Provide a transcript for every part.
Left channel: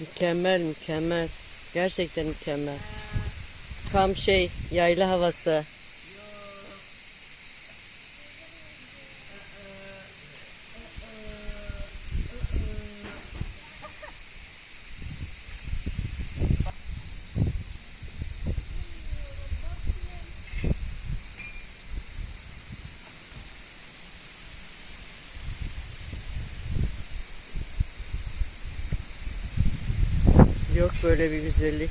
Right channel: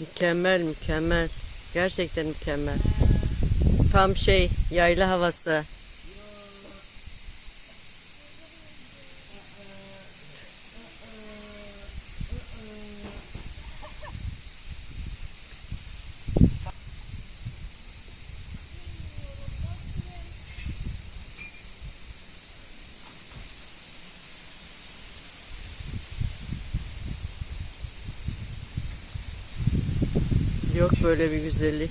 Mükemmel mükemmel. Gerçekten mükemmel. Tam şey yayla havası. Yok böyle bir güzellik.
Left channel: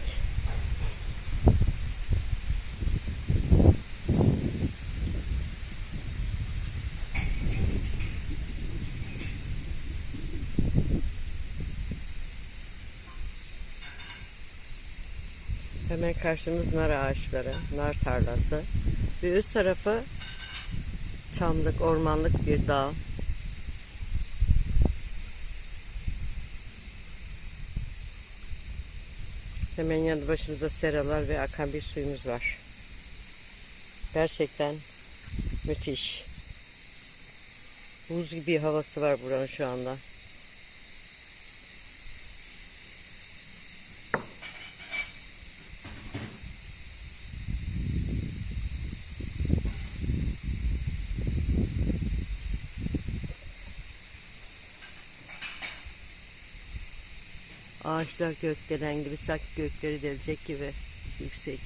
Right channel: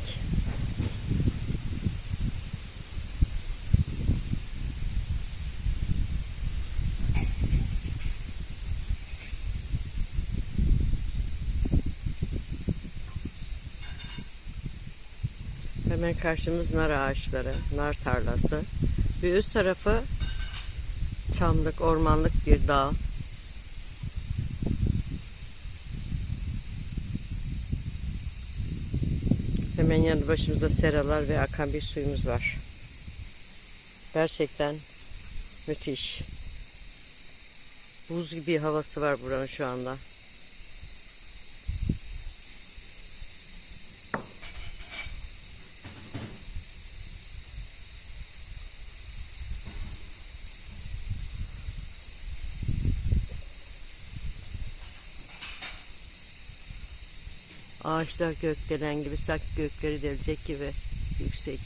Hemen karşımız nar ağaçları, nar tarlası. Ve üst tarafı çamlık, ormanlık bir dağ. Hemen yanı başımızda seralar ve akan bir suyumuz var. Gerçekten müthiş. Buz gibi havası var buranın şu anda. Ağaçlar gökdelen gibi sanki gökleri delecek gibi yüksek.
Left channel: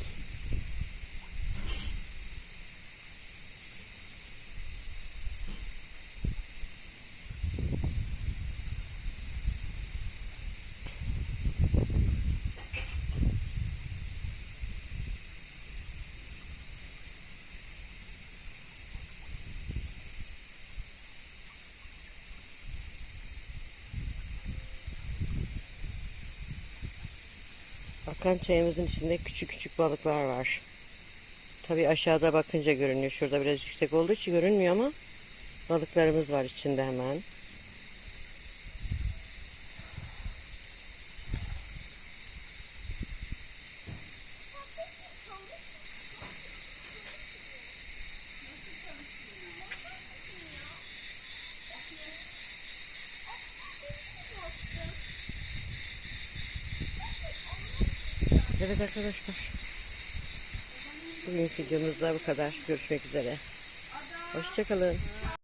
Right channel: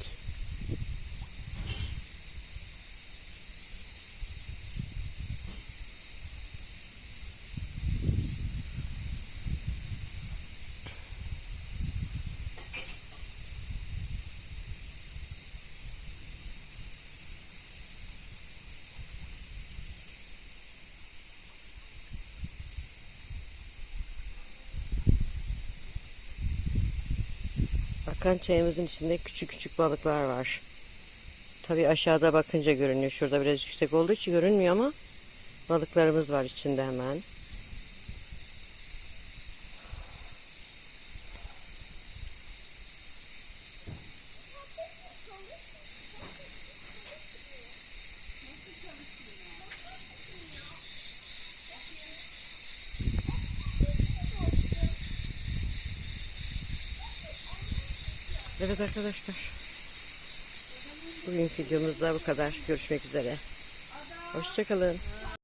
Akan çayımızın içinde küçük küçük balıklar var. Tabii aşağıda bakınca görünüyor. Şurada biraz yüksek olduğu için görünmüyor ama balıklarımız var içinde hemen. Evet arkadaşlar. Bugünkü videomuz da bu kadar. Görüşmek üzere. Hoşçakalın.